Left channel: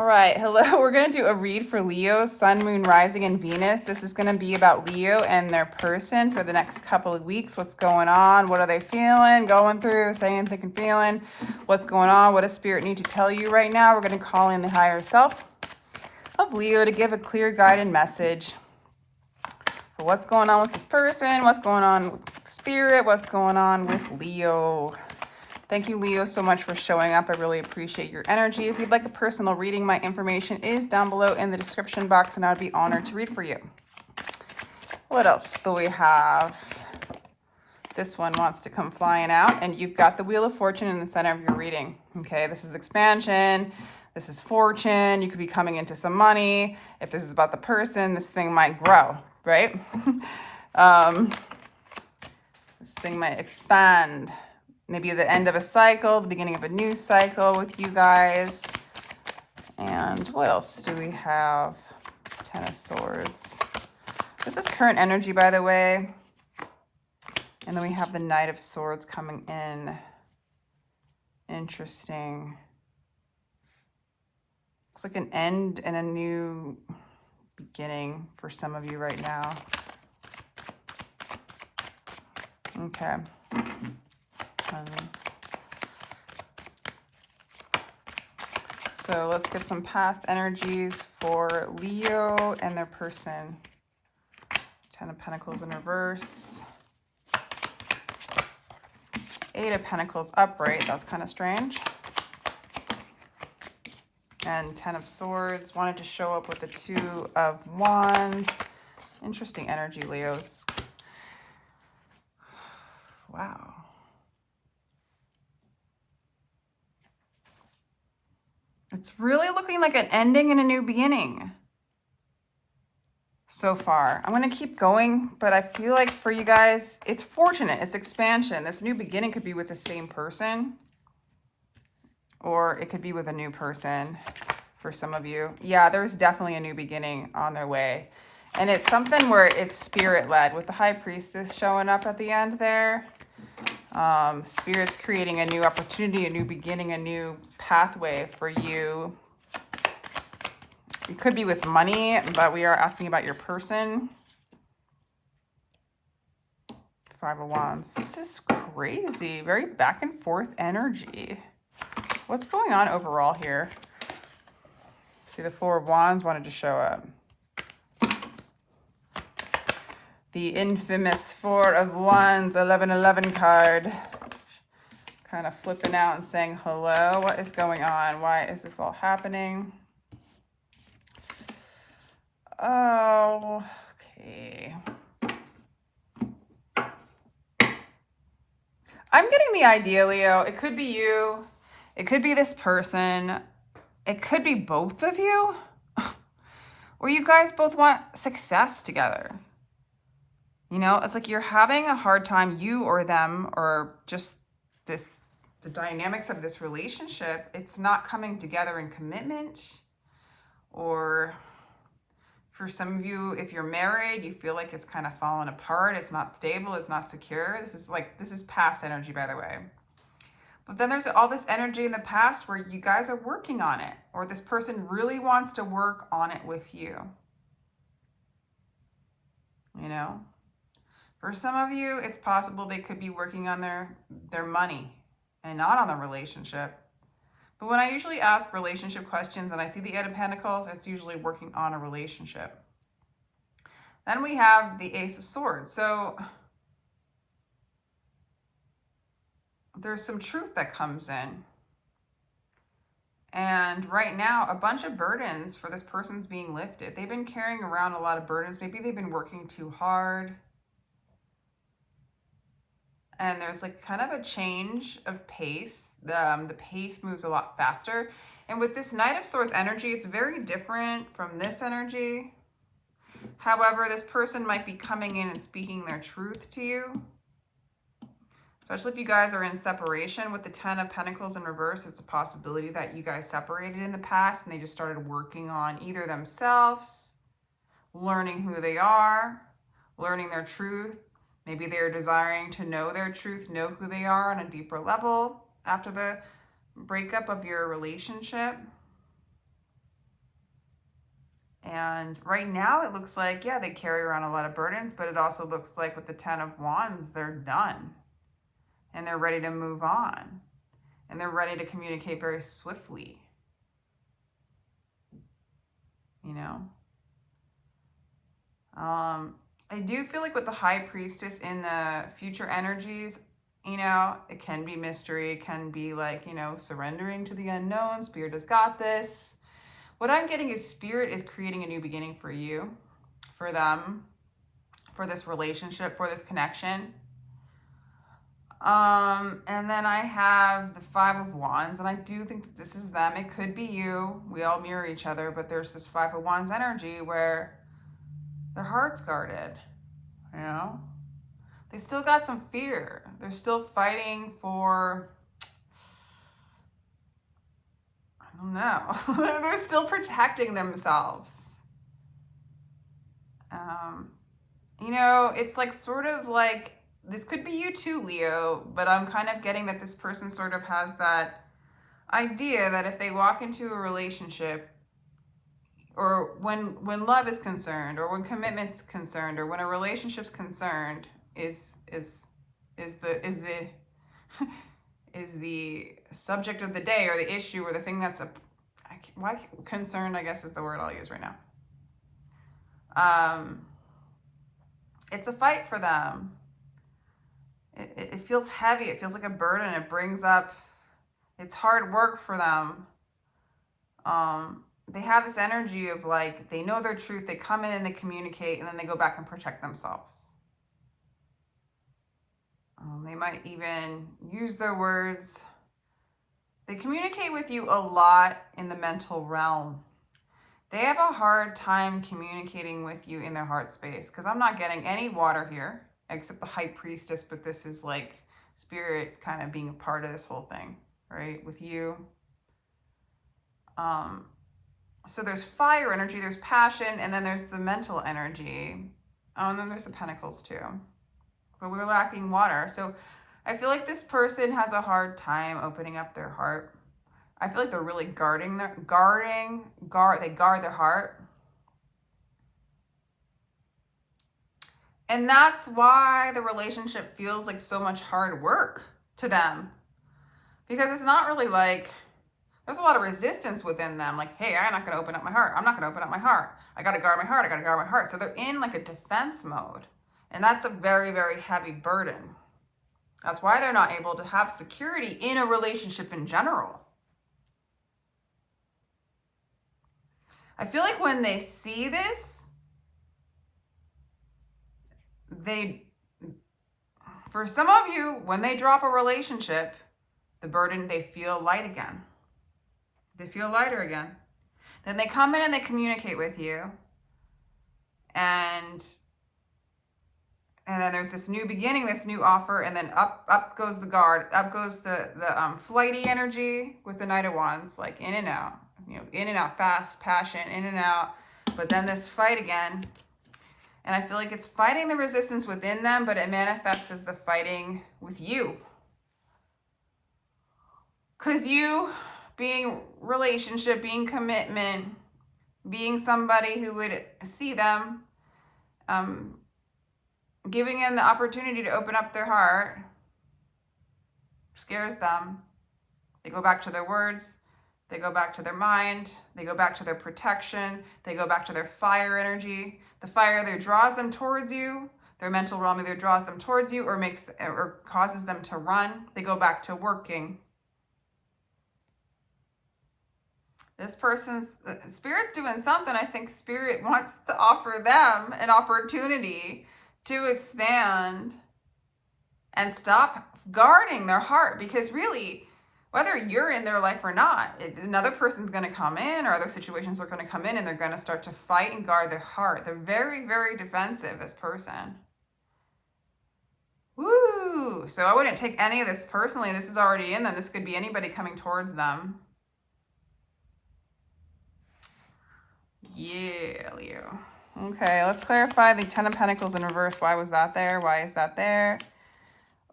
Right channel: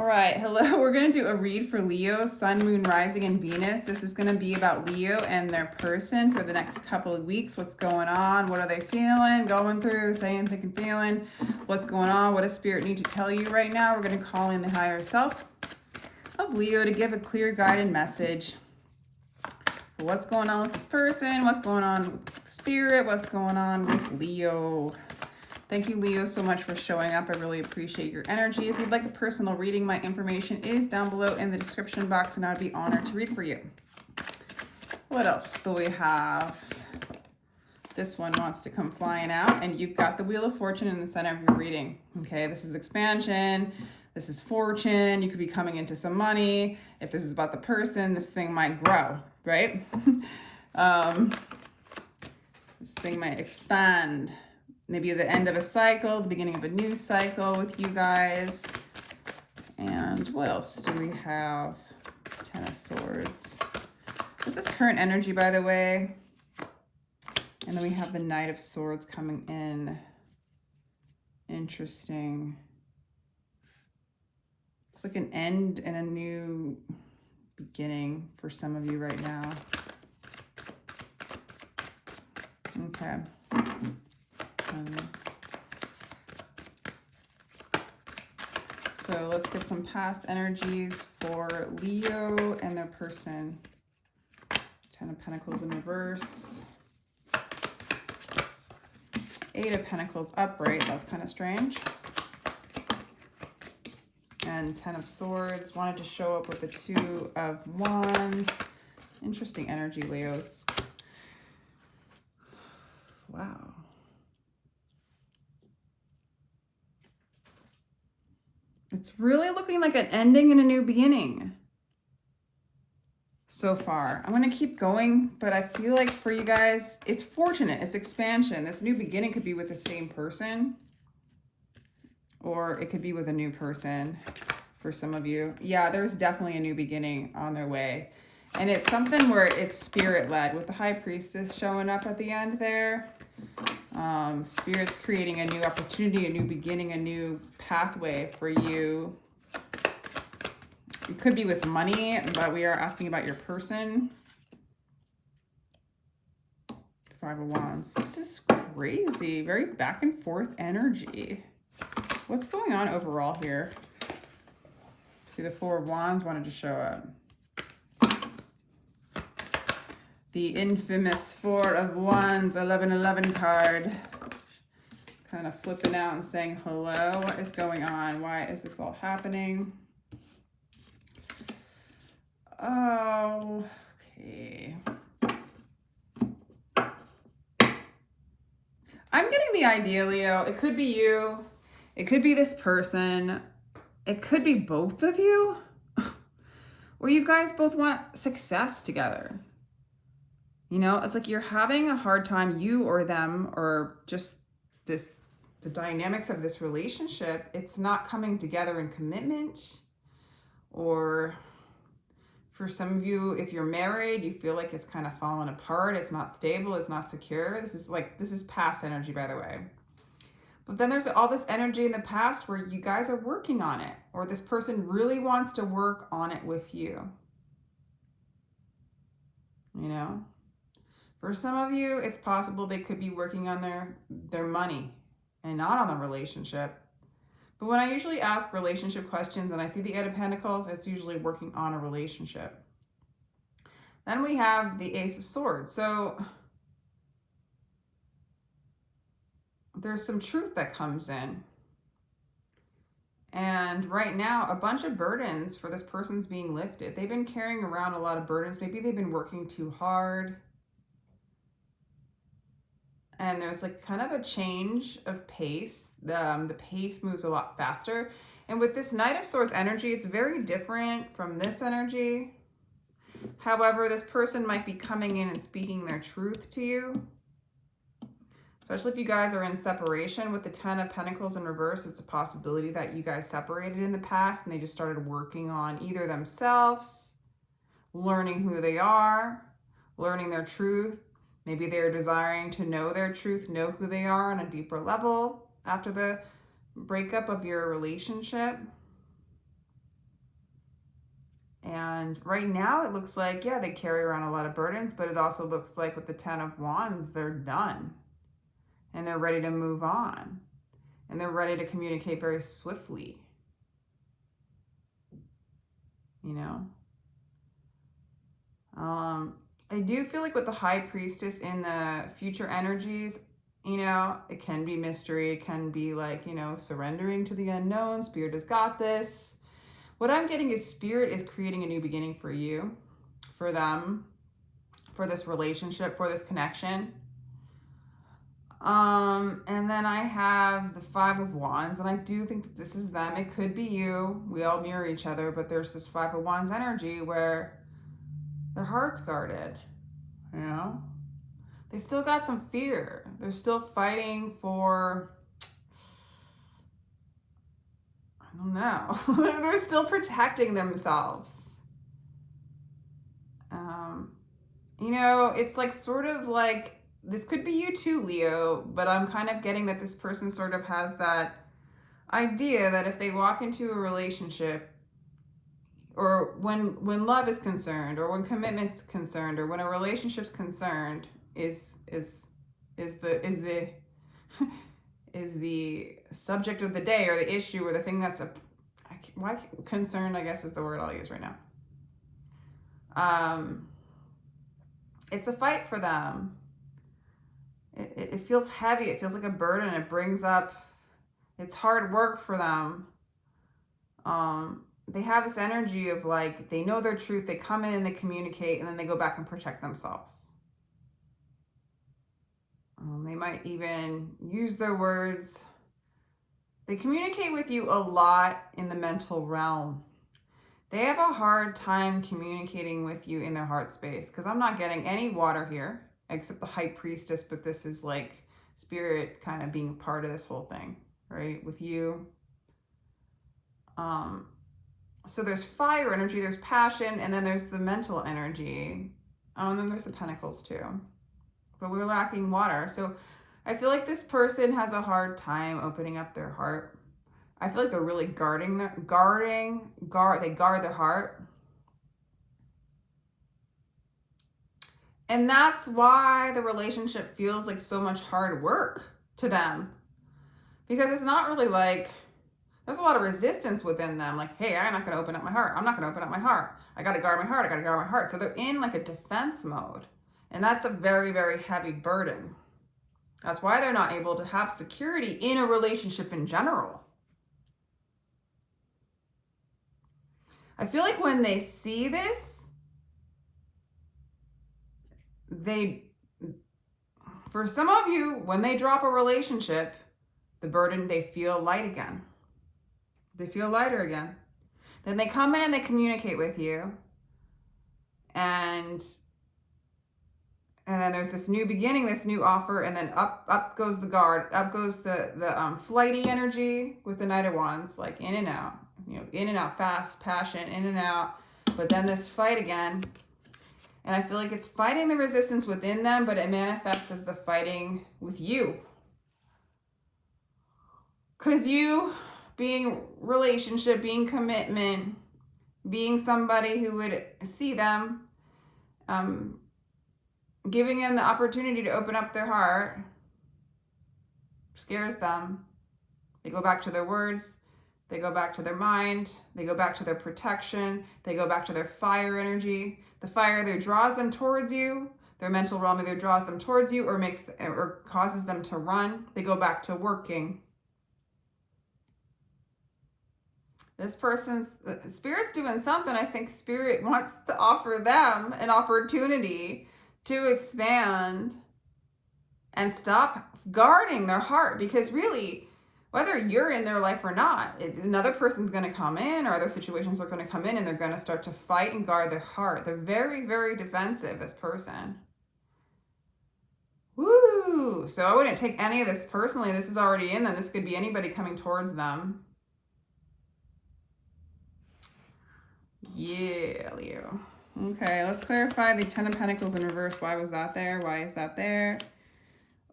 All right, hello. We're going to do a read for Leo, Sun, Moon, Rising, and Venus. This is going to be about Leo and their person for the next couple of weeks. What's going on? What are they feeling, going through, saying, thinking, feeling? What's going on? What does Spirit need to tell you right now? We're going to call in the higher self of Leo to give a clear guided message for what's going on with this person, what's going on with Spirit, what's going on with Leo. Thank you, Leo, so much for showing up. I really appreciate your energy. If you'd like a personal reading, my information is down below in the description box, and I'd be honored to read for you. What else do we have? This one wants to come flying out, and you've got the Wheel of Fortune in the center of your reading. Okay, this is expansion. This is fortune. You could be coming into some money. If this is about the person, this thing might grow, right? This thing might expand. Maybe the end of a cycle, the beginning of a new cycle with you guys. And what else do we have? Ten of Swords. This is current energy, by the way. And then we have the Knight of Swords coming in. Interesting. Looks like an end and a new beginning for some of you right now. Okay. So let's get some past energies for Leo and their person. Ten of Pentacles in reverse. Eight of Pentacles upright. That's kind of strange. And Ten of Swords wanted to show up with the Two of Wands. Interesting energy, Leos. Wow. It's really looking like an ending and a new beginning so far. I'm going to keep going, but I feel like for you guys, it's fortunate. It's expansion. This new beginning could be with the same person, or it could be with a new person for some of you. Yeah, there's definitely a new beginning on their way. And it's something where it's spirit-led with the High Priestess showing up at the end there. Spirit's creating a new opportunity, a new beginning, a new pathway for you. It could be with money, but we are asking about your person. Five of Wands. This is crazy. Very back and forth energy. What's going on overall here? See, the Four of Wands wanted to show up. The infamous Four of Wands, 1111 card. Kind of flipping out and saying, hello, what is going on? Why is this all happening? Oh, okay. I'm getting the idea, Leo. It could be you. It could be this person. It could be both of you. Or you guys both want success together. You know, it's like you're having a hard time, you or them, or just the dynamics of this relationship. It's not coming together in commitment. Or for some of you, if you're married, you feel like it's kind of falling apart. It's not stable. It's not secure. This is past energy, by the way. But then there's all this energy in the past where you guys are working on it, or this person really wants to work on it with you. You know? For some of you, it's possible they could be working on their money and not on the relationship. But when I usually ask relationship questions and I see the Eight of Pentacles, it's usually working on a relationship. Then we have the Ace of Swords. So there's some truth that comes in. And right now, a bunch of burdens for this person's being lifted. They've been carrying around a lot of burdens. Maybe they've been working too hard. And there's like kind of a change of pace. The pace moves a lot faster. And with this Knight of Swords energy, it's very different from this energy. However, this person might be coming in and speaking their truth to you. Especially if you guys are in separation. With the Ten of Pentacles in reverse, it's a possibility that you guys separated in the past and they just started working on either themselves, learning who they are, learning their truth. Maybe they're desiring to know their truth, know who they are on a deeper level after the breakup of your relationship. And right now it looks like, yeah, they carry around a lot of burdens, but it also looks like with the 10 of Wands, they're done and they're ready to move on and they're ready to communicate very swiftly, you know? I do feel like with the High Priestess in the future energies, you know, it can be mystery. It can be like, you know, surrendering to the unknown. Spirit has got this. What I'm getting is Spirit is creating a new beginning for you, for them, for this relationship, for this connection. And then I have the 5 of Wands, and I do think that this is them. It could be you. We all mirror each other, but there's this 5 of Wands energy where their heart's guarded, you know? They still got some fear. They're still fighting for, I don't know. They're still protecting themselves. You know, it's like sort of like, this could be you too, Leo, but I'm kind of getting that this person sort of has that idea that if they walk into a relationship, or when love is concerned, or when commitment's concerned, or when a relationship's concerned, is the subject of the day, or the issue, or the thing that's why concerned, I guess, is the word I'll use right now. It's a fight for them. It feels heavy. It feels like a burden. It brings up, it's hard work for them. They have this energy of like, they know their truth. They come in and they communicate, and then they go back and protect themselves. They might even use their words. They communicate with you a lot in the mental realm. They have a hard time communicating with you in their heart space, because I'm not getting any water here except the High Priestess, but this is like Spirit kind of being a part of this whole thing, right? With you. So there's fire energy, there's passion, and then there's the mental energy. And then there's the Pentacles too. But we're lacking water. So I feel like this person has a hard time opening up their heart. I feel like they're really they guard their heart. And that's why the relationship feels like so much hard work to them. Because it's not really like, there's a lot of resistance within them. Like, hey, I'm not going to open up my heart. I'm not going to open up my heart. I got to guard my heart. I got to guard my heart. So they're in like a defense mode. And that's a very, very heavy burden. That's why they're not able to have security in a relationship in general. I feel like when they see this, for some of you, when they drop a relationship, the burden, they feel light again. They feel lighter again. Then they come in and they communicate with you. And then there's this new beginning, this new offer, and then up goes the guard, up goes the flighty energy with the Knight of Wands, like in and out, you know, in and out, fast, passion, in and out. But then this fight again, and I feel like it's fighting the resistance within them, but it manifests as the fighting with you. Because you being relationship, being commitment, being somebody who would see them, giving them the opportunity to open up their heart scares them. They go back to their words. They go back to their mind. They go back to their protection. They go back to their fire energy. The fire either draws them towards you. Their mental realm either draws them towards you or causes them to run. They go back to working. This person's, Spirit's doing something. I think Spirit wants to offer them an opportunity to expand and stop guarding their heart. Because really, whether you're in their life or not, another person's going to come in, or other situations are going to come in, and they're going to start to fight and guard their heart. They're very, very defensive, this person. Woo! So I wouldn't take any of this personally. This is already in them. This could be anybody coming towards them. Yeah, Leo. Okay, let's clarify the Ten of Pentacles in reverse. Why was that there? Why is that there?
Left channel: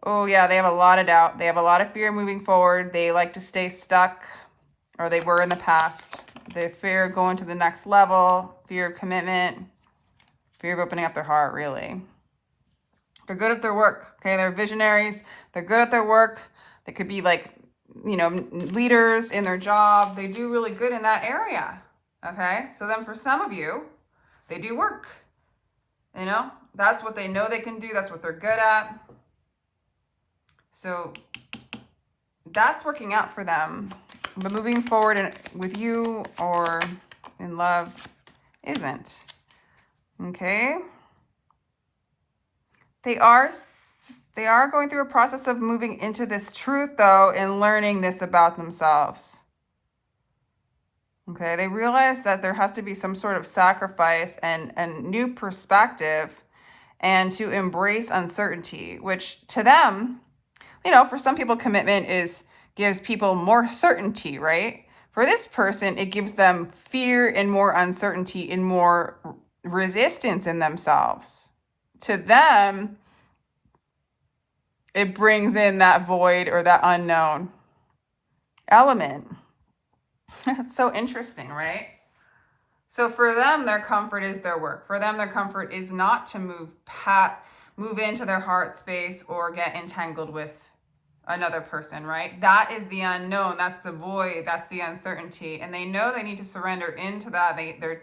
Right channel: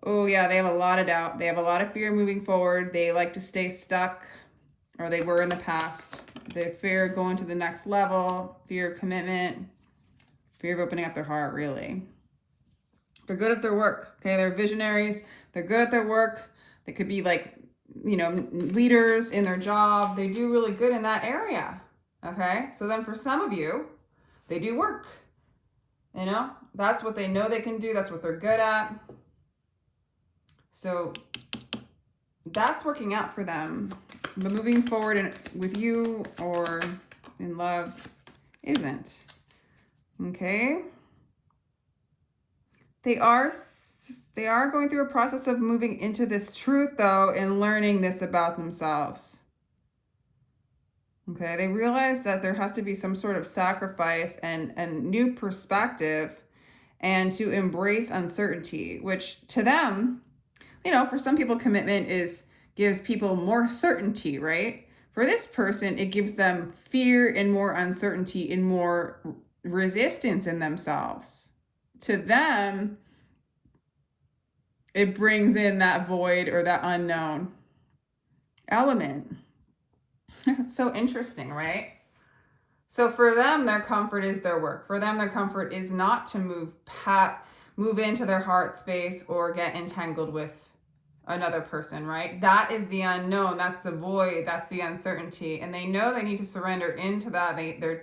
Oh, yeah, they have a lot of doubt. They have a lot of fear moving forward. They like to stay stuck, or they were in the past. The fear of going to the next level, fear of commitment, fear of opening up their heart, really. They're good at their work, okay? They're visionaries. They're good at their work. They could be like, you know, leaders in their job. They do really good in that area, okay? So then for some of you, they do work, you know? That's what they know they can do. That's what they're good at. So that's working out for them. But moving forward with you or in love isn't. Okay? They are going through a process of moving into this truth, though, and learning this about themselves. Okay? They realize that there has to be some sort of sacrifice and new perspective and to embrace uncertainty, which to them, you know, for some people, commitment gives people more certainty, right? For this person, it gives them fear and more uncertainty and more resistance in themselves. To them, it brings in that void or that unknown element. It's so interesting, right? So for them, their comfort is their work. For them, their comfort is not to move into their heart space or get entangled with another person, right? That is the unknown. That's the void. That's the uncertainty. And they know they need to surrender into that. They're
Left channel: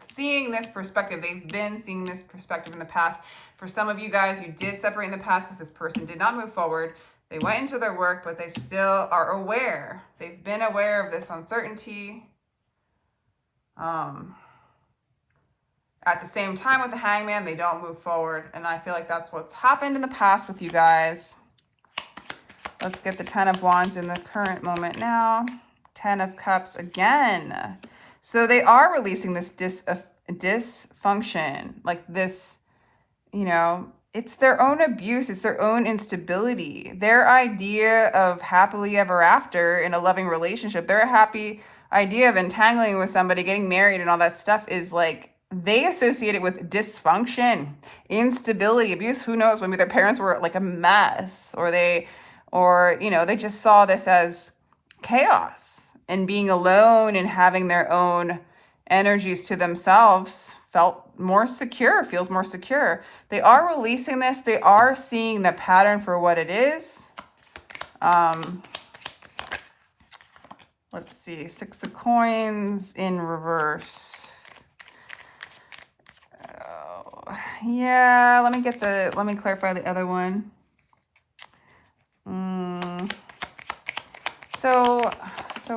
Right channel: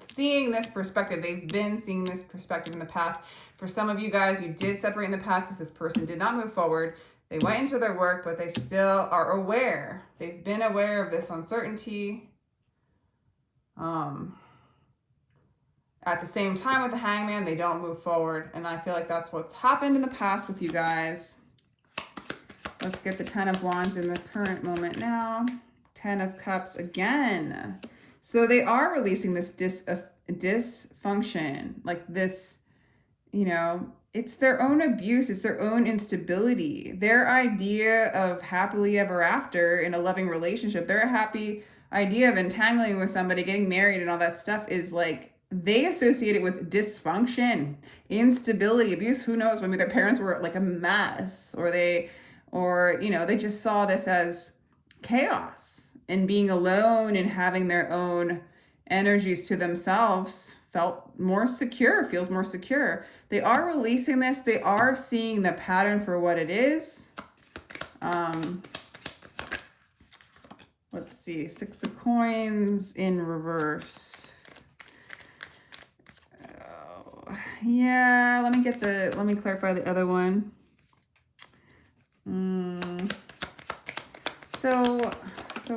seeing this perspective. They've been seeing this perspective in the past. For some of you guys, you did separate in the past because this person did not move forward. They went into their work, but they still are aware. They've been aware of this uncertainty. At the same time with the Hangman, they don't move forward. And I feel like that's what's happened in the past with you guys. Let's get the 10 of Wands in the current moment now. 10 of Cups again. So they are releasing this dysfunction, like this, you know, it's their own abuse. It's their own instability. Their idea of happily ever after in a loving relationship, their happy idea of entangling with somebody, getting married and all that stuff is like, they associate it with dysfunction, instability, abuse. Who knows? Maybe their parents were like a mess, or you know, they just saw this as chaos, and being alone and having their own energies to themselves feels more secure. They are releasing this. They are seeing the pattern for what it is. Let's see, 6 of Coins in reverse. Oh, yeah, let me clarify the other one. So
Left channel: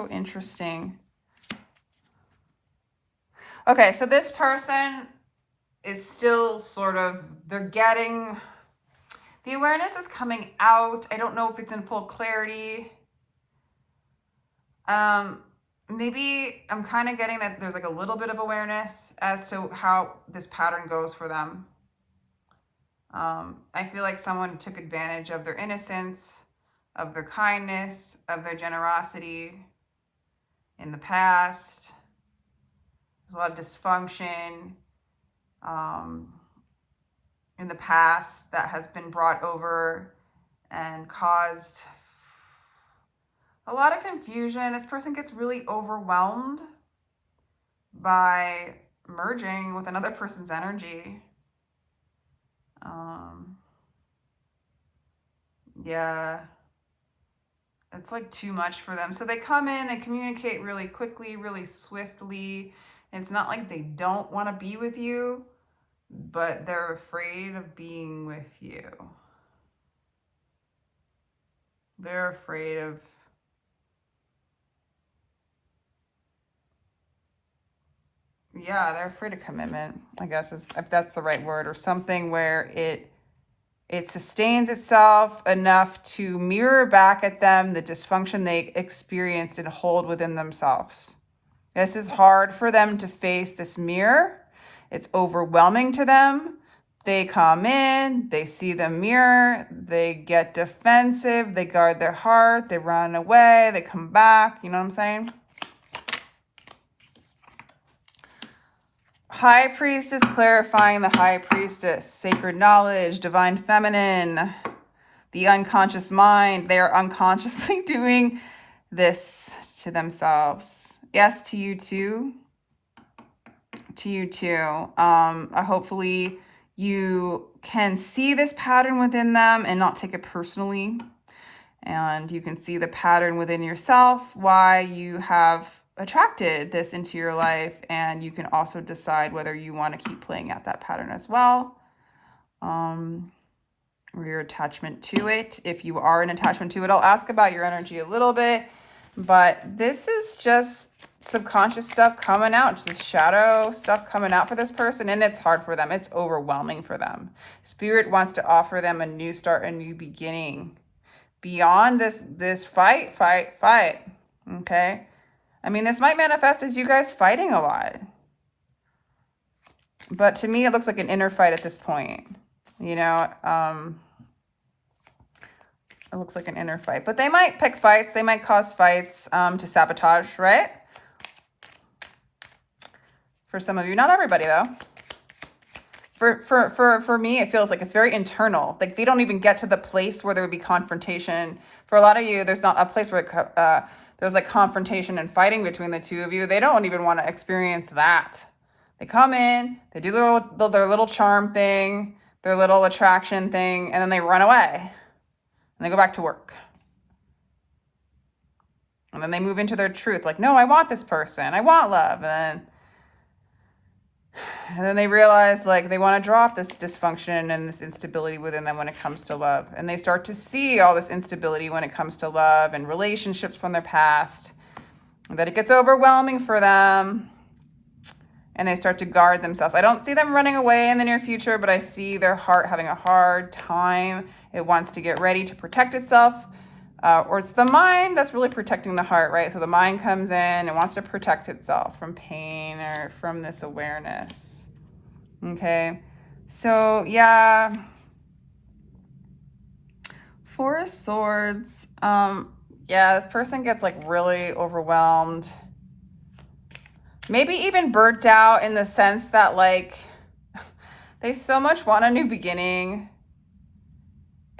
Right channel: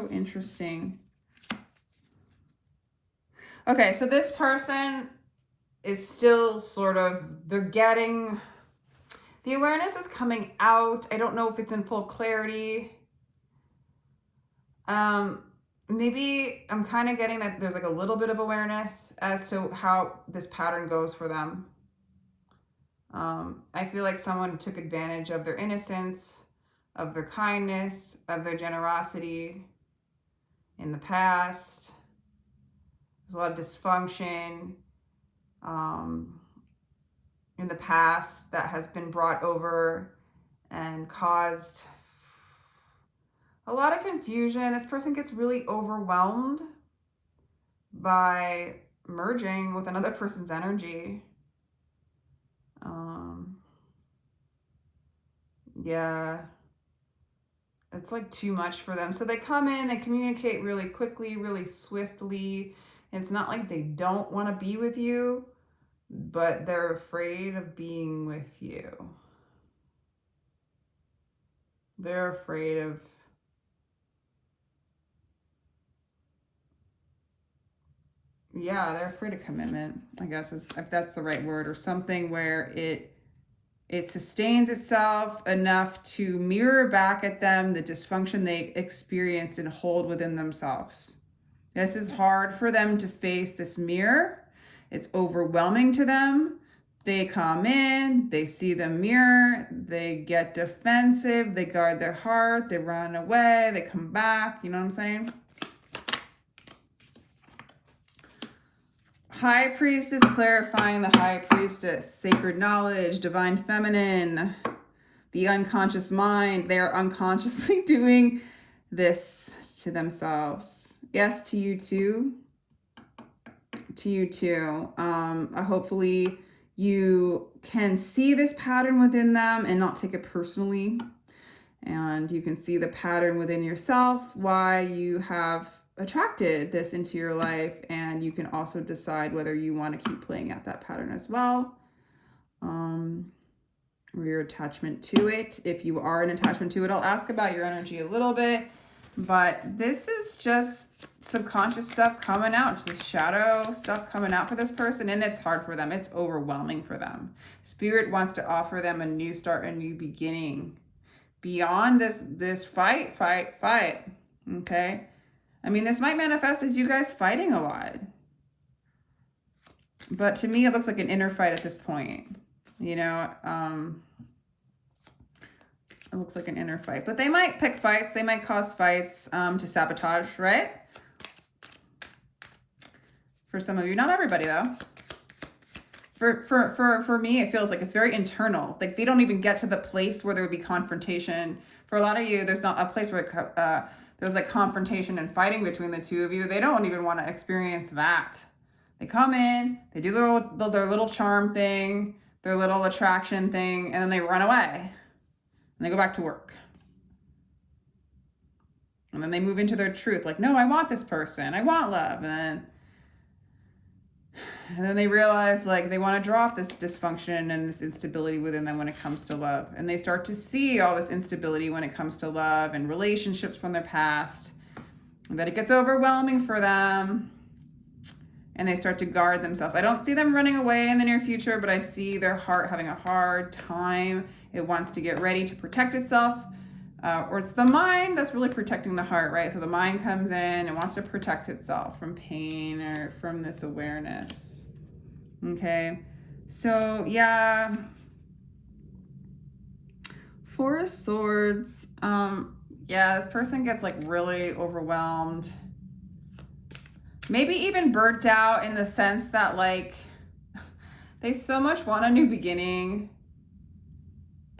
interesting. Okay, so this person is still sort of, the awareness is coming out. I don't know if it's in full clarity. Maybe I'm kind of getting that there's like a little bit of awareness as to how this pattern goes for them. I feel like someone took advantage of their innocence, of their kindness, of their generosity in the past. There's a lot of dysfunction in the past that has been brought over and caused a lot of confusion. This person gets really overwhelmed by merging with another person's energy. Yeah, it's like too much for them. So they come in, they communicate really quickly, really swiftly. And it's not like they don't want to be with you, but they're afraid of being with you. They're afraid of they're afraid of commitment, I guess, if that's the right word, or something where it sustains itself enough to mirror back at them the dysfunction they experienced and hold within themselves. This is hard for them to face this mirror. It's overwhelming to them. They come in, they see the mirror, they get defensive, they guard their heart, they run away, they come back, you know what I'm saying? High Priestess clarifying the High Priestess, sacred knowledge, divine feminine, the unconscious mind. They are unconsciously doing this to themselves. Yes, to you too. To you too. Hopefully you can see this pattern within them and not take it personally. And you can see the pattern within yourself, why you have attracted this into your life. And you can also decide whether you want to keep playing out that pattern as well. Or your attachment to it. If you are an attachment to it, I'll ask about your energy a little bit. But this is just subconscious stuff coming out, just shadow stuff coming out for this person, and it's hard for them. It's overwhelming for them. Spirit wants to offer them a new start, a new beginning. Beyond this fight. Okay? I mean, this might manifest as you guys fighting a lot. But to me, it looks like an inner fight at this point. You know, it looks like an inner fight, but they might pick fights. They might cause fights to sabotage, right? For some of you, not everybody though. For me, it feels like it's very internal. Like they don't even get to the place where there would be confrontation. For a lot of you, there's not a place where there's like confrontation and fighting between the two of you. They don't even want to experience that. They come in, they do their little charm thing, their little attraction thing, and then they run away. And they go back to work. And then they move into their truth. Like, no, I want this person. I want love. And then they realize like they want to drop this dysfunction and this instability within them when it comes to love. And they start to see all this instability when it comes to love and relationships from their past. And that it gets overwhelming for them. And they start to guard themselves. I don't see them running away in the near future, but I see their heart having a hard time. It wants to get ready to protect itself. Or it's the mind that's really protecting the heart, right? So the mind comes in and wants to protect itself from pain or from this awareness. Okay. So yeah. Four of Swords. Yeah, this person gets like really overwhelmed. Maybe even burnt out in the sense that like they so much want a new beginning,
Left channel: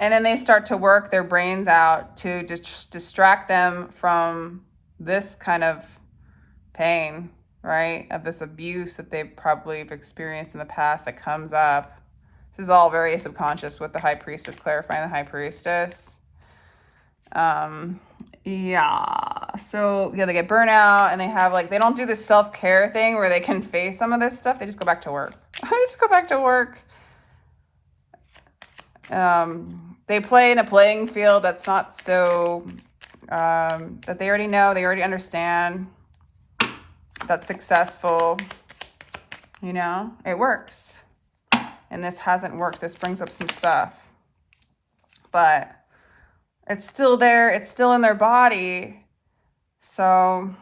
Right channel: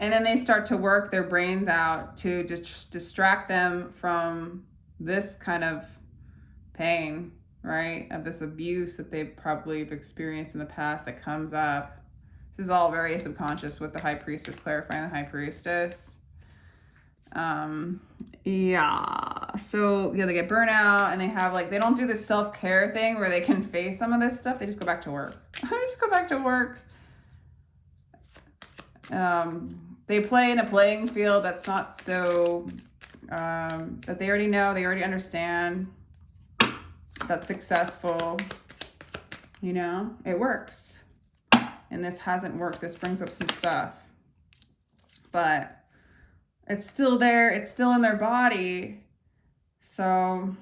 and then they start to work their brains out to distract them from this kind of pain, right? Of this abuse that they probably have experienced in the past that comes up. This is all very subconscious with the High Priestess, clarifying the High Priestess. Yeah, so yeah, they get burnout and they have like, they don't do this self-care thing where they can face some of this stuff. They just go back to work. They just go back to work. They play in a playing field that's not so, that they already know, they already understand, that's successful. You know, it works. And this hasn't worked. This brings up some stuff. But it's still there. It's still in their body. So,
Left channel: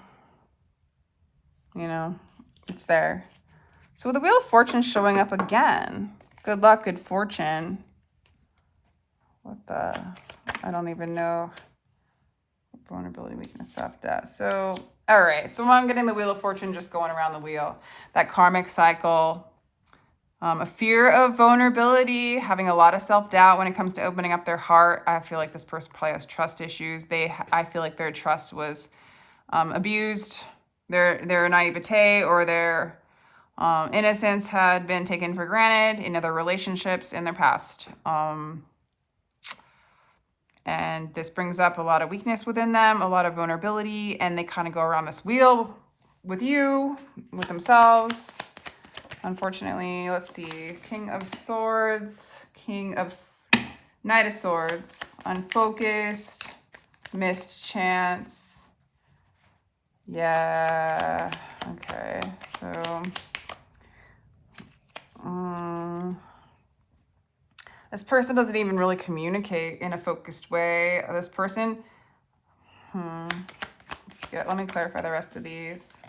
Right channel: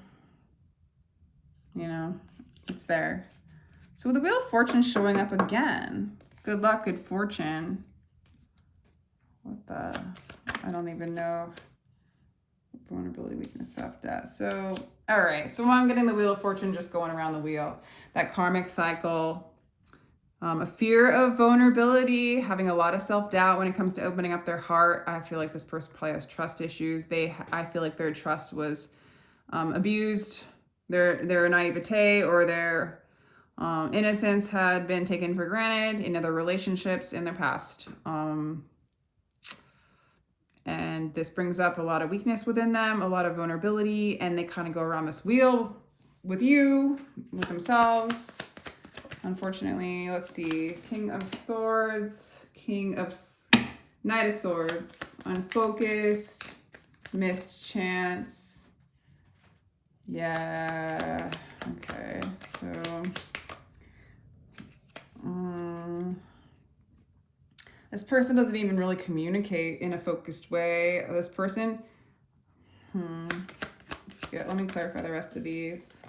you know, it's there. So the Wheel of Fortune showing up again. Good luck, good fortune. What the? I don't even know. Vulnerability, weakness, self-doubt. So, all right. So I'm getting the Wheel of Fortune just going around the wheel. That karmic cycle. A fear of vulnerability, having a lot of self-doubt when it comes to opening up their heart. I feel like this person probably has trust issues. I feel like their trust was abused. Their naivete or their innocence had been taken for granted in other relationships in their past. And this brings up a lot of weakness within them, a lot of vulnerability, and they kind of go around this wheel with you, with themselves. Unfortunately, let's see, King of Swords, Knight of Swords, unfocused, missed chance. Yeah, okay, so, this person doesn't even really communicate in a focused way. This person, let me clarify the rest of these.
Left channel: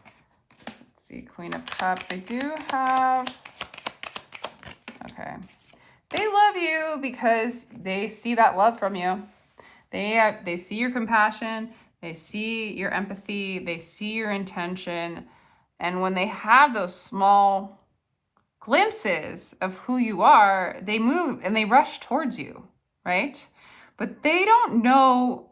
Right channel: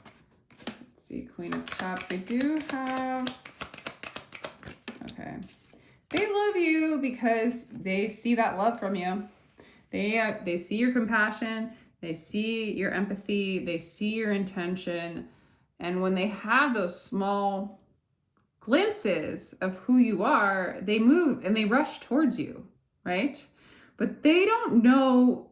See, Queen of Cups. They do have, okay. They love you because they see that love from you. They see your compassion. They see your empathy. They see your intention. And when they have those small glimpses of who you are, they move and they rush towards you, right? But they don't know,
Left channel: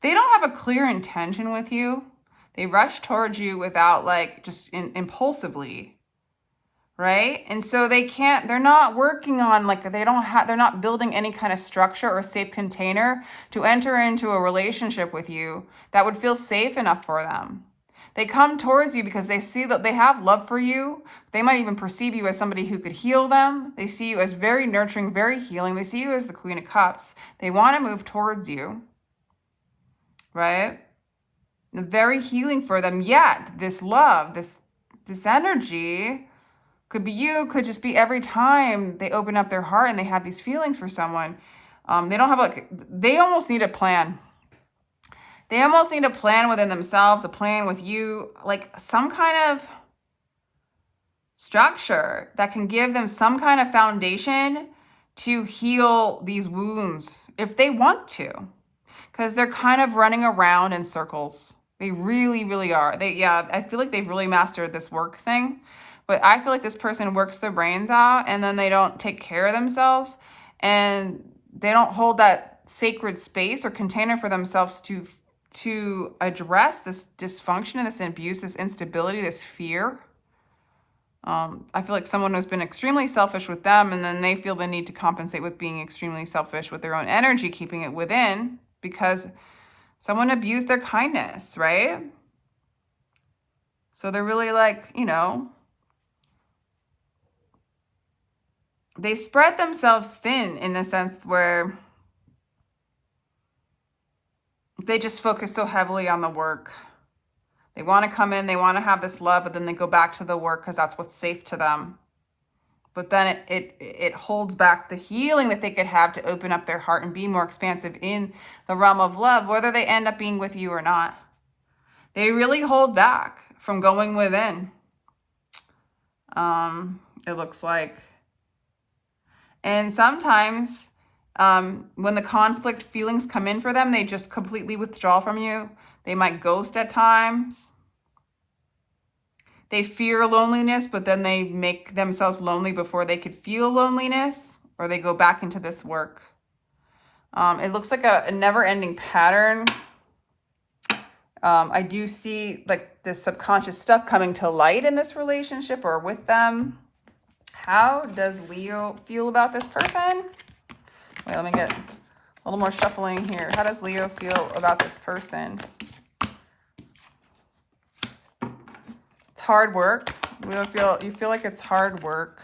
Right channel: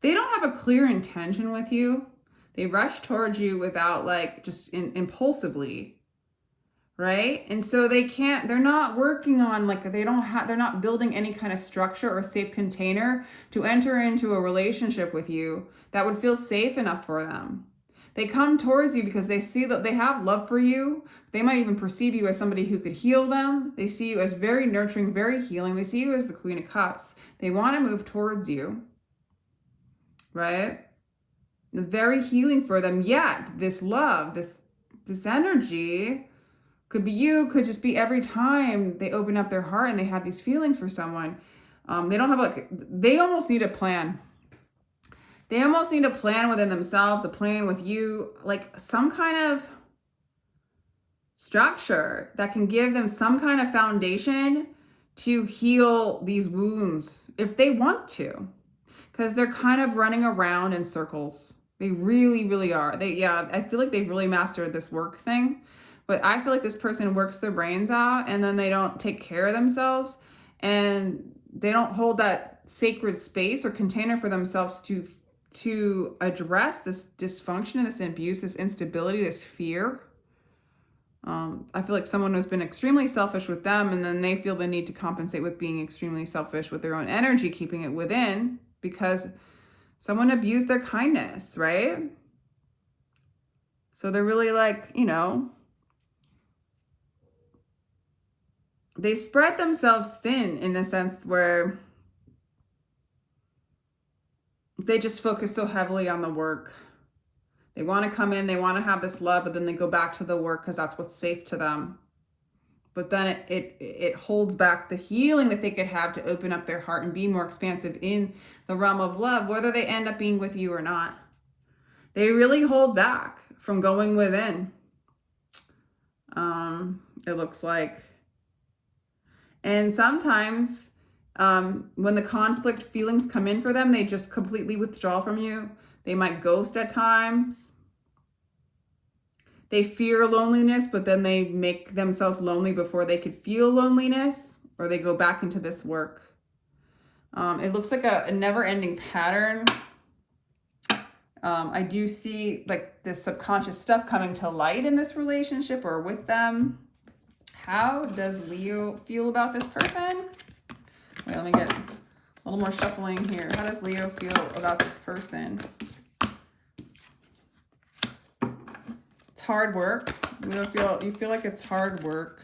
they don't have a clear intention with you. They rush towards you without like just impulsively, right? And so they're not working on like, they're not building any kind of structure or safe container to enter into a relationship with you that would feel safe enough for them. They come towards you because they see that they have love for you. They might even perceive you as somebody who could heal them. They see you as very nurturing, very healing. They see you as the Queen of Cups. They want to move towards you, right? Very healing for them. Yet this love, this energy could be you, could just be every time they open up their heart and they have these feelings for someone. They don't have they almost need a plan. They almost need a plan within themselves, a plan with you, like some kind of structure that can give them some kind of foundation to heal these wounds if they want to, because they're kind of running around in circles. They really, really are. I feel like they've really mastered this work thing, but I feel like this person works their brains out and then they don't take care of themselves and they don't hold that sacred space or container for themselves to address this dysfunction and this abuse, this instability, this fear. I feel like someone has been extremely selfish with them and then they feel the need to compensate with being extremely selfish with their own energy, keeping it within because someone abused their kindness, right? So they're really like, they spread themselves thin in a sense where they just focus so heavily on the work. They want to come in, they want to have this love, but then they go back to the work because that's what's safe to them. But then it holds back the healing that they could have to open up their heart and be more expansive in the realm of love, whether they end up being with you or not. They really hold back from going within. It looks like. And sometimes when the conflict feelings come in for them, they just completely withdraw from you. They might ghost at times. They fear loneliness, but then they make themselves lonely before they could feel loneliness, or they go back into this work. It looks like a never-ending pattern. I do see like this subconscious stuff coming to light in this relationship or with them. How does Leo feel about this person? Wait, let me get a little more shuffling here. How does Leo feel about this person? It's hard work. You feel like it's hard work.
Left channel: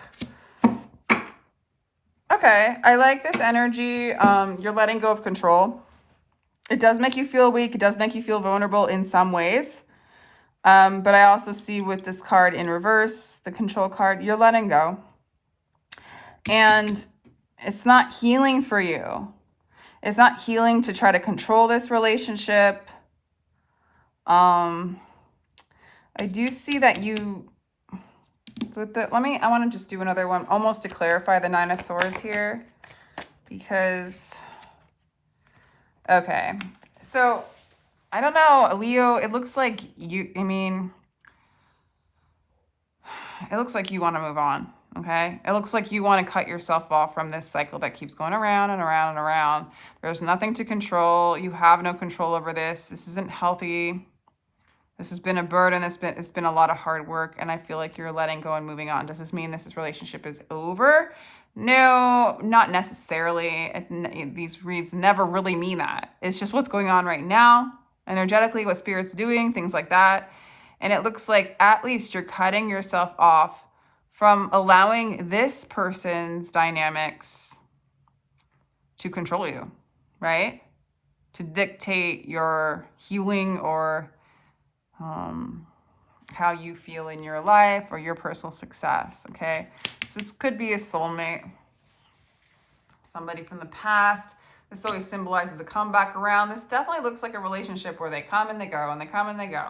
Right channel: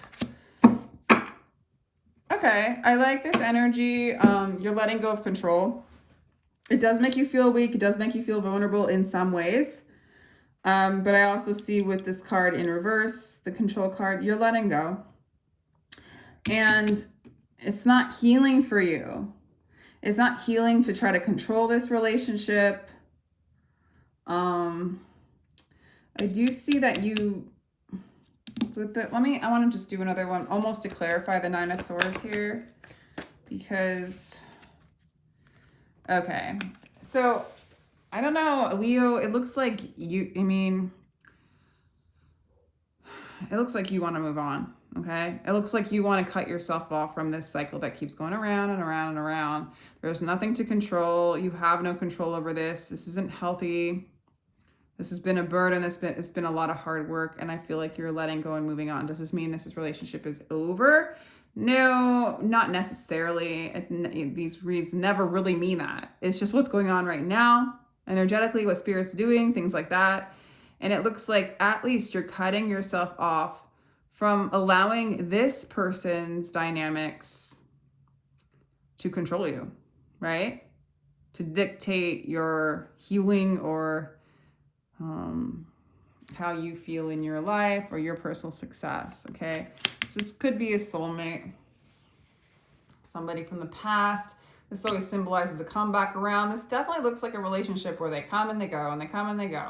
Okay, I like this energy. You're letting go of control. It does make you feel weak. It does make you feel vulnerable in some ways. But I also see with this card in reverse, the control card, you're letting go. And it's not healing for you. It's not healing to try to control this relationship. I do see that you, I want to just do another one almost to clarify the Nine of Swords here because, okay. So I don't know, Leo, it looks like you want to move on. Okay. It looks like you want to cut yourself off from this cycle that keeps going around and around and around. There's nothing to control. You have no control over this. This isn't healthy. This has been a burden. It's been a lot of hard work. And I feel like you're letting go and moving on. Does this mean this relationship is over? No, not necessarily. These reads never really mean that. It's just what's going on right now. Energetically, what Spirit's doing, things like that. And it looks like at least you're cutting yourself off from allowing this person's dynamics to control you, right? To dictate your healing or how you feel in your life or your personal success, okay? This could be a soulmate, somebody from the past. This always symbolizes a comeback around. This definitely looks like a relationship where they come and they go and they come and they go.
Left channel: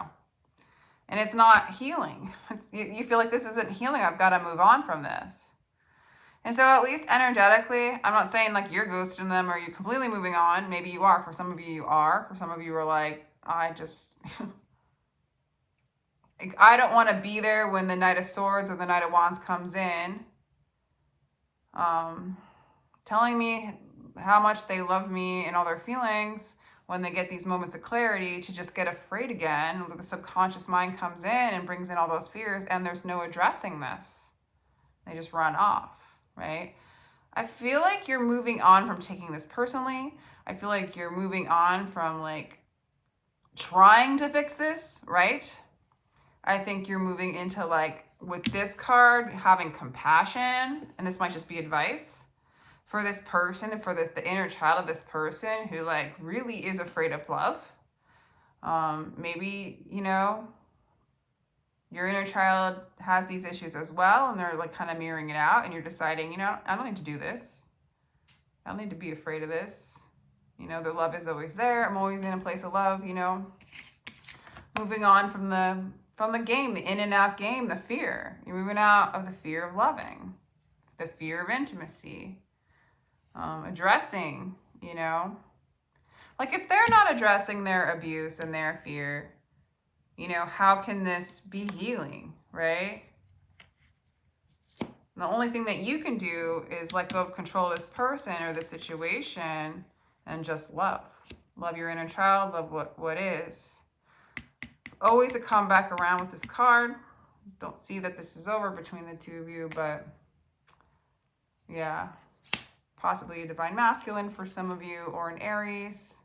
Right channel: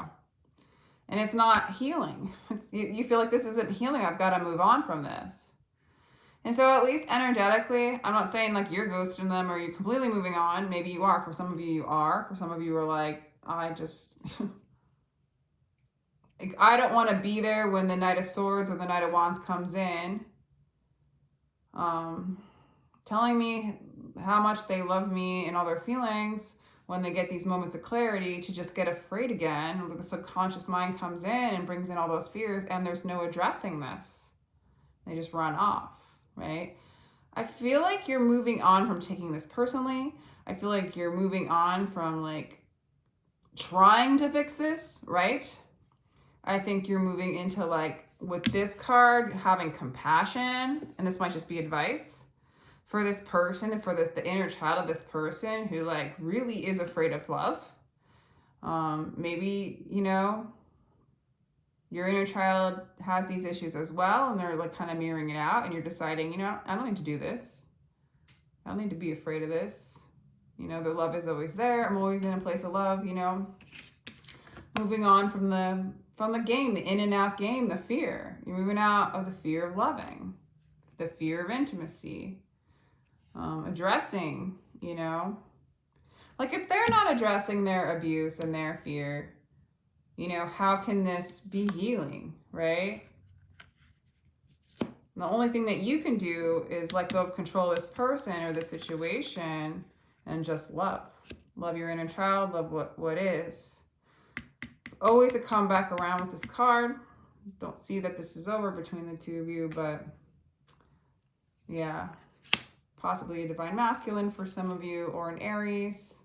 And it's not healing. You feel like this isn't healing. I've got to move on from this. And so at least energetically, I'm not saying like you're ghosting them or you're completely moving on. Maybe you are. For some of you, you are. For some of you are like, I don't want to be there when the Knight of Swords or the Knight of Wands comes in. Telling me how much they love me and all their feelings. when they get these moments of clarity to just get afraid again. The subconscious mind comes in and brings in all those fears, and there's no addressing this. They just run off, right? I feel like you're moving on from taking this personally. I feel like you're moving on from like trying to fix this, right? I think you're moving into like, with this card, having compassion, and this might just be advice for this person and for the inner child of this person who like really is afraid of love. Maybe, you know, your inner child has these issues as well, and they're like kind of mirroring it out, and you're deciding, you know, I don't need to do this. I don't need to be afraid of this. You know, the love is always there. I'm always in a place of love, you know. Moving on from the game, the in and out game, the fear. You're moving out of the fear of loving, the fear of intimacy. Addressing, you know, like if they're not addressing their abuse and their fear, you know, how can this be healing, right? And the only thing that you can do is let go of control of this person or the situation and just love. Love your inner child, love what is. Always a comeback around with this card. Don't see that this is over between the two of you, but yeah. Possibly a divine masculine for some of you, or an Aries.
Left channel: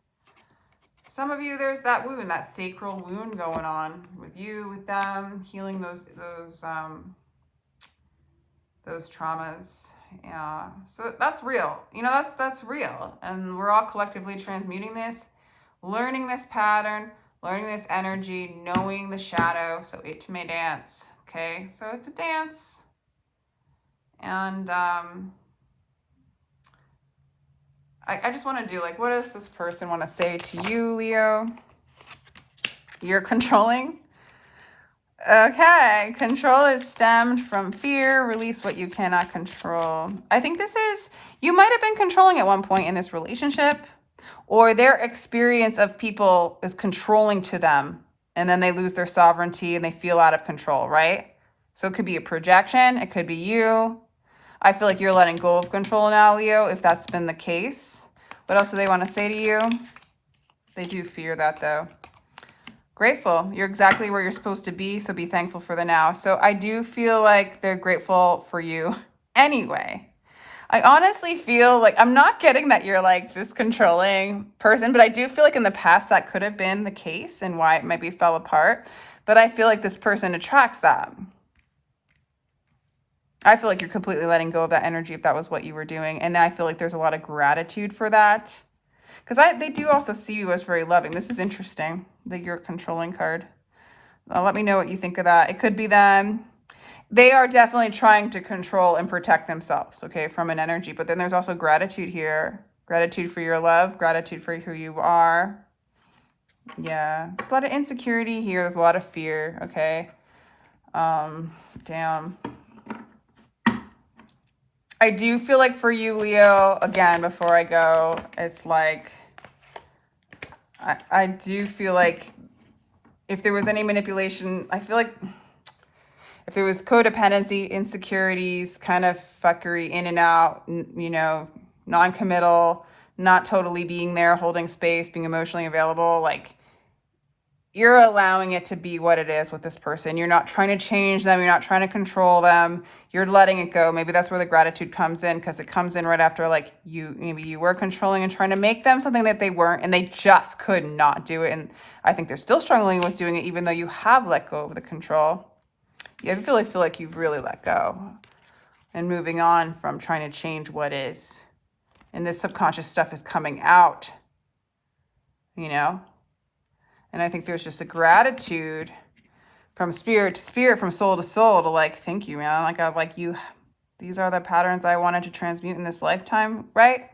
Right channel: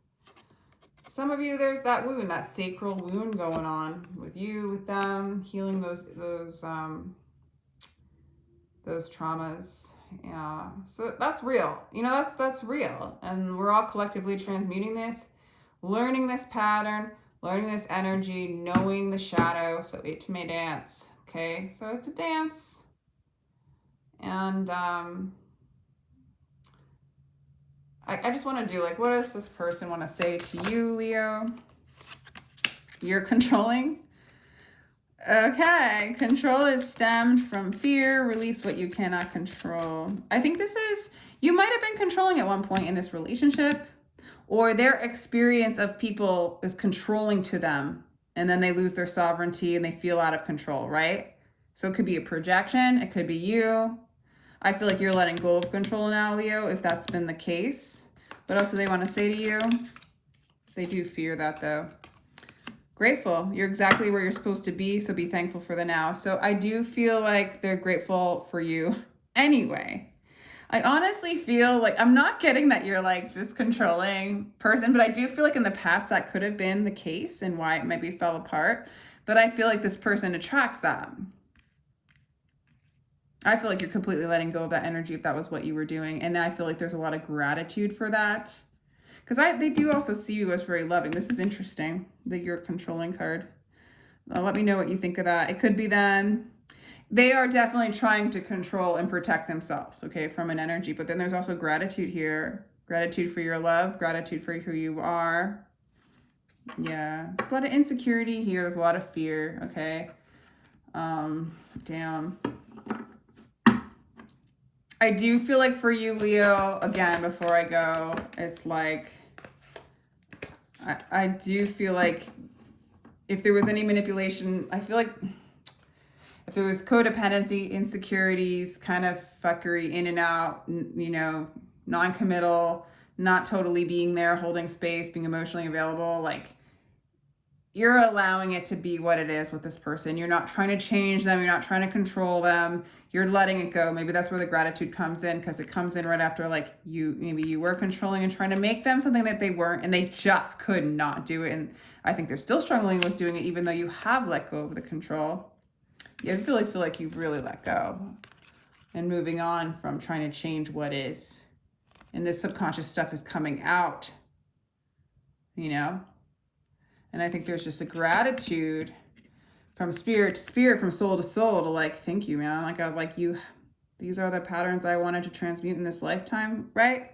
Some of you, there's that wound, that sacral wound going on with you, with them, healing those traumas. Yeah, so that's real. You know, that's real, and we're all collectively transmuting this, learning this pattern, learning this energy, knowing the shadow, so it may dance. Okay, so it's a dance, and I just want to do like, what does this person want to say to you, Leo? You're controlling? Okay, control is stemmed from fear. Release what you cannot control. I think this is, you might have been controlling at one point in this relationship, or their experience of people is controlling to them, and then they lose their sovereignty and they feel out of control, right? So it could be a projection. It could be you. I feel like you're letting go of control now, Leo, if that's been the case. What else do they want to say to you? They do fear that, though. Grateful. You're exactly where you're supposed to be, so be thankful for the now. So I do feel like they're grateful for you anyway. I honestly feel like, I'm not getting that you're like this controlling person, but I do feel like in the past that could have been the case and why it maybe fell apart. But I feel like this person attracts that. I feel like you're completely letting go of that energy if that was what you were doing. And I feel like there's a lot of gratitude for that. Because they do also see you as very loving. This is interesting that you're a controlling card. Let me know what you think of that. It could be them. They are definitely trying to control and protect themselves, okay, from an energy. But then there's also gratitude here. Gratitude for your love. Gratitude for who you are. Yeah. There's a lot of insecurity here. There's a lot of fear, okay? Damn. I do feel like for you, Leo, again, before I go, it's like, I do feel like if there was any manipulation, I feel like if there was codependency, insecurities, kind of fuckery in and out, you know, non-committal, not totally being there, holding space, being emotionally available, like, you're allowing it to be what it is with this person. You're not trying to change them. You're not trying to control them. You're letting it go. Maybe that's where the gratitude comes in, because it comes in right after, like, maybe you were controlling and trying to make them something that they weren't, and they just could not do it. And I think they're still struggling with doing it, even though you have let go of the control. You really feel like you've really let go and moving on from trying to change what is. And this subconscious stuff is coming out, you know? And I think there's just a gratitude from spirit to spirit, from soul to soul, to like, thank you, man. Like, I'm like, you, these are the patterns I wanted to transmute in this lifetime, right?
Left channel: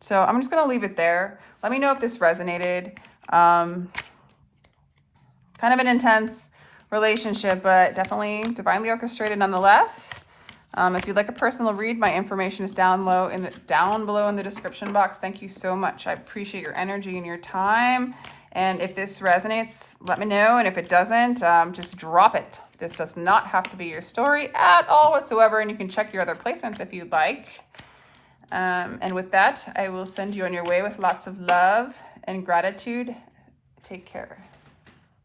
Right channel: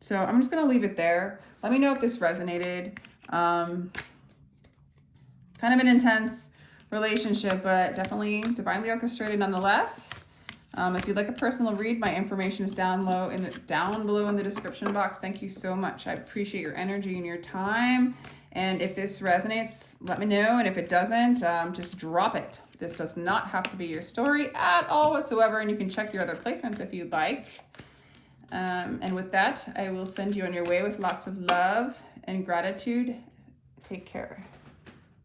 So I'm just going to leave it there. Let me know if this resonated. Kind of an intense relationship, but definitely divinely orchestrated nonetheless. If you'd like a personal read, my information is down below in the description box. Thank you so much. I appreciate your energy and your time. And if this resonates, let me know. And if it doesn't, just drop it. This does not have to be your story at all whatsoever. And you can check your other placements if you'd like. And with that, I will send you on your way with lots of love and gratitude. Take care.